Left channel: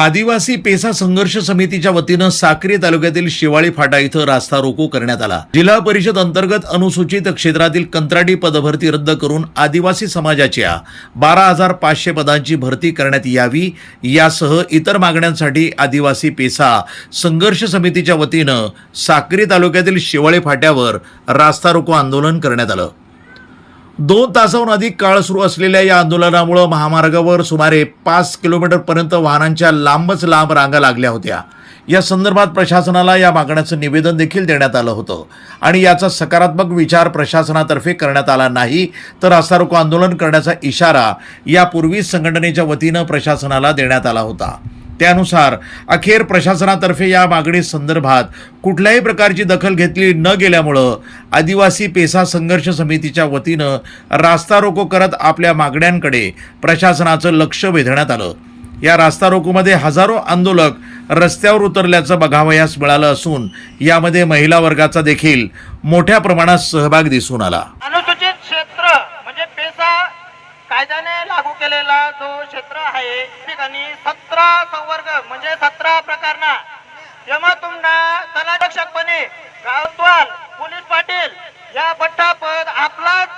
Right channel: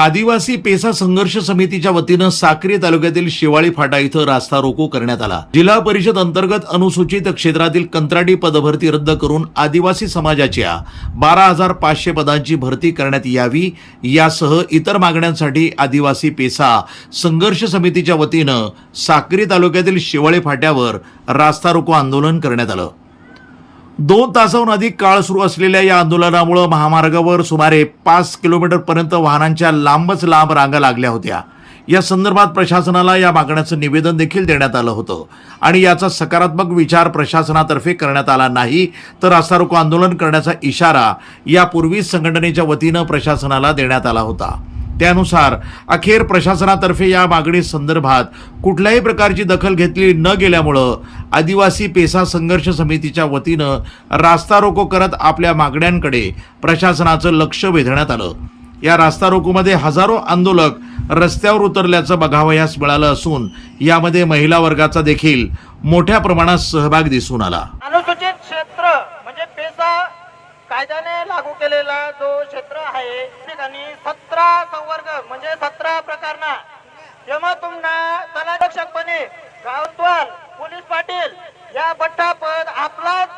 आदिवासी पेसा संघर्ष समितीच्या वतीनं साक्री तालुक्यातील शिवाळी फाटा इथं रास्ता रोको करण्यात आला. जिल्हा परिषद अंतर्गत अनुसूचित क्षेत्रातील कंत्राटी पदभरती रद्द करून आदिवासी समाजाच्या बारा हजार पाचशे पदांची भरती करण्यात यावी यासह इतर मागण्यांसाठी आदिवासी पेसा संघर्ष समितीच्या वतीनं साक्री तालुक्यातील शिवाळी फाट्यावर रास्ता रोको आंदोलन करण्यात आलं. दोन तासाहून अधिक काळ सुरू असलेल्या या आंदोलनामुळे महामार्गावर सुमारे पाच किलोमीटरपर्यंत वाहनांच्या लांबच लांब रांगा लागल्या होत्या. या संदर्भात प्रशासनाला या मागण्याचं निवेदन देखील देण्यात आलं होतं. आणि याचा सकारात्मक विचार प्रशासनातर्फे करण्यात आला नाही तर असा रोको आंदोलन करण्याचा इशारा यापूर्वीच संघटनेच्या वतीनं प्रशासनाला देण्यात आला होता. त्यानुसार अखेर प्रशासनातर्फे या मागणी संदर्भात कुठल्याही प्रकारची दखल घेतली न गेल्यामुळं आदिवासी पेसा संघर्ष समितीच्या वतीनं रास्ता रोको करत आपल्या मागण्यांकडे प्रशासनाचं लक्ष वेधण्यात आलं. या रास्ता रोकोमध्ये हजारो आंदोलक रस्त्यावर उतरल्याचं बघावयास मिळालं असून यामध्ये महिला वर्गाचा देखील मोठ्या प्रमाणात सहभाग दिसून आला. अनुसूचित क्षेत्र म्हणजे पेसा कायद्याने केलेला जो क्षेत्र आहे ठिकाणी सतरा संवर्ग म्हणजे सतरा प्रकारना जेव्हा तुम्हाला तलाक्षकपणे गावतवाल पोलीस पाटील या बट्टा पद आपलाच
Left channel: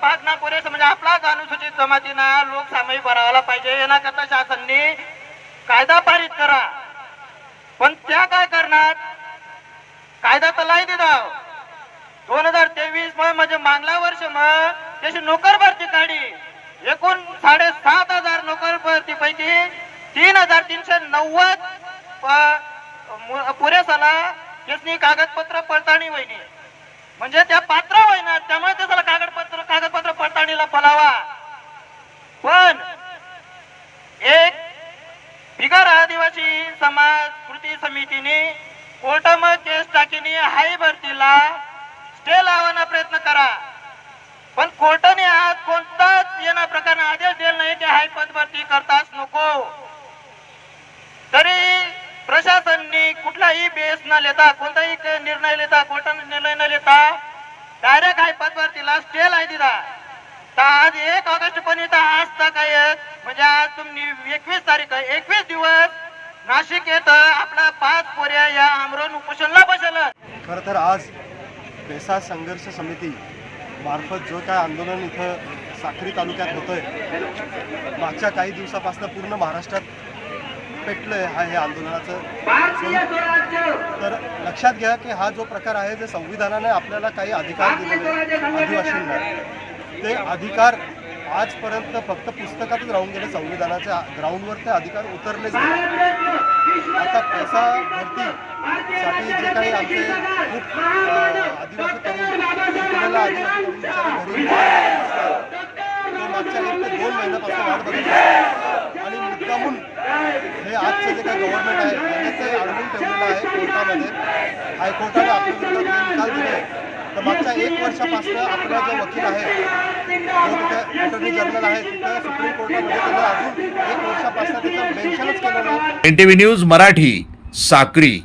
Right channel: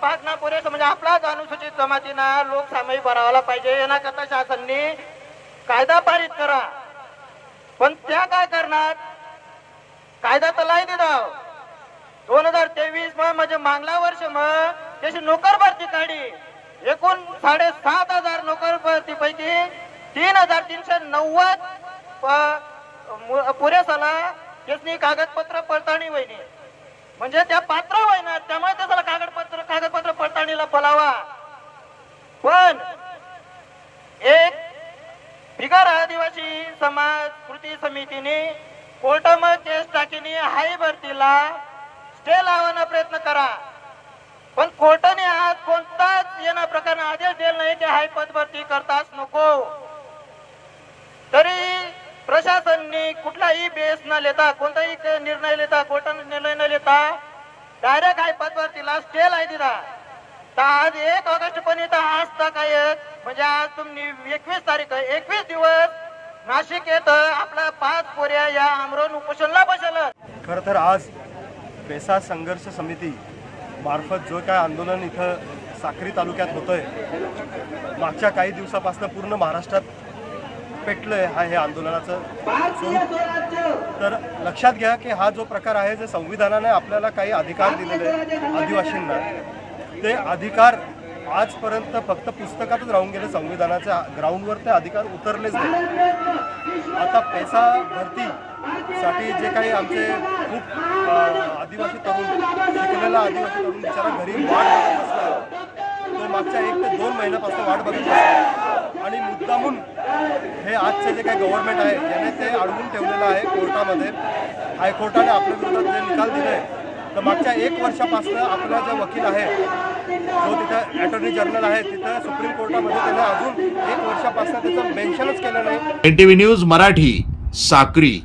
भागना पुरेस म्हणजे आपलाच अनुसूचित जमातीनं लोकसामायिक भरावाला पाहिजे. येण्याकरता शासनने कायदा पारित करा. पण त्या काय करणार? कायदा तलाही लाई दोन हजार तेवीसमध्ये म्हणजे मागला वर्ष मग त्याची नोकर भरती काढी. एकूण साडेसात हजार नोकर पैकी तीन हजार तीनशे नव्वद पुरेसाला त्याची कागदपत्र पडताळणी वहिनी. म्हणजे त्या पात्र होईना त्यामुळे त्याला कागदपत्र कागदपत्र पडताळणीला बोलावा. पण एक बिगर आदिवासी समाज कृती समितीने कोर्टामध्ये केस टाकीने हाय भरतीला स्टे लावण्याचा प्रयत्न करा. पण कोर्ट नको. तरी प्रशासनने कुठलाही बेस न लेता कोणताही निर्णय लेता कोर्टाने निर्णय न लेता डायरेक्ट आहे पद भरतीला स्टे लाई दिला. तर आज एक ऑगस्ट पण इथं आज तक आहेत. म्हणजे आज तुम्ही एकवीस तारीख आहे एकवीस दिवस नाशिक येतं आपला पाच पोऱ्या या आमरण उपोषणला बसलं खरं तर आज पेसा संघर्ष समिती मार्फत जो काय आंदोलन इथं साक्री तालुक्यात होतंय मागच्या काही दिवसापासून पूर्ण महाराष्ट्रात पेटलंय हा हे आंदोलनाचं. तर लक्षात घ्या की हा जो प्रकार आहे जे संविधानाने आपल्याला काही अधिकार दिलेले आहेत आदिवासींना ते अधिकार आजपर्यंत फक्त पुस्तकातच राहून गेले संविधानाच्या ग्राउंडवर ते अधिकार उतरलेच नाही. आता पैसा भरतीसाठी जे काही आमचे खूप आदिवासी तरुण शिकलेला आदिवासी तरुण बिचारा घरी तो मागच्या एक ते दोन महिन्यापासून वाट बघत आणि मुद्दामून हे आजचे जे काही गव्हर्नमेंट आहे त्याने ते अडवून ठेवलेलं आहे कोर्टामध्ये. हायकोर्टाने आपल्या विरोधात जे निकाल दिले. तर मागच्या एक वर्षापासून आपला जो वकील आहे जो तिथे अटॉर्नी जनरल आहे तिथं सुप्रीम कोर्टामध्ये त्याने अजून एक वर्षापासून त्याचं मेन्शनच केलं नाही. V news Marathi Sakri.